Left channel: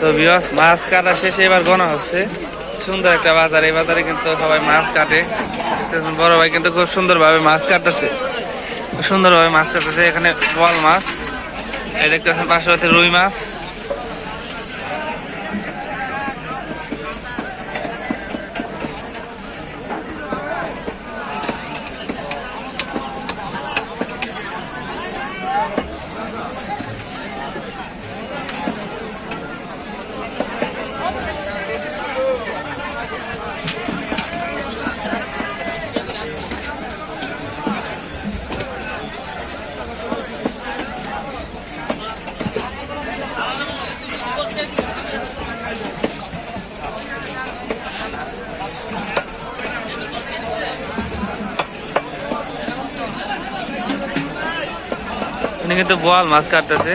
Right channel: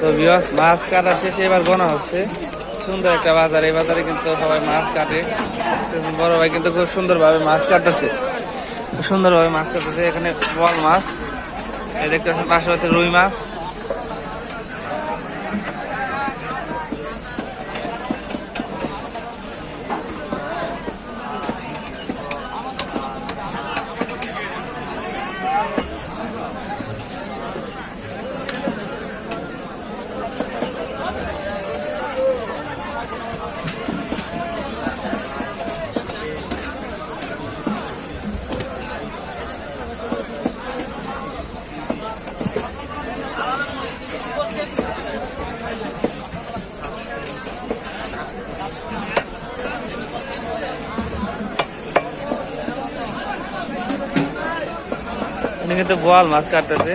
তো ভিউয়ার্স মাছ কাটা শেষে এবার গোনা হচ্ছে। সুন্দর একটা বাজার, এই বাজারে কিন্তু সবাই মাছ কাটে। বড় ভাই কিন্তু খুব সুন্দরভাবে মাছ কাটতেছে, সুন্দরভাবে মাছ কাটতেছে। এখানে বোয়াল মাছ, এই দেখতে পাচ্ছেন পাশে হচ্ছে রুই মাছ। উনি কিন্তু বোয়াল মাছ কাটতেছে।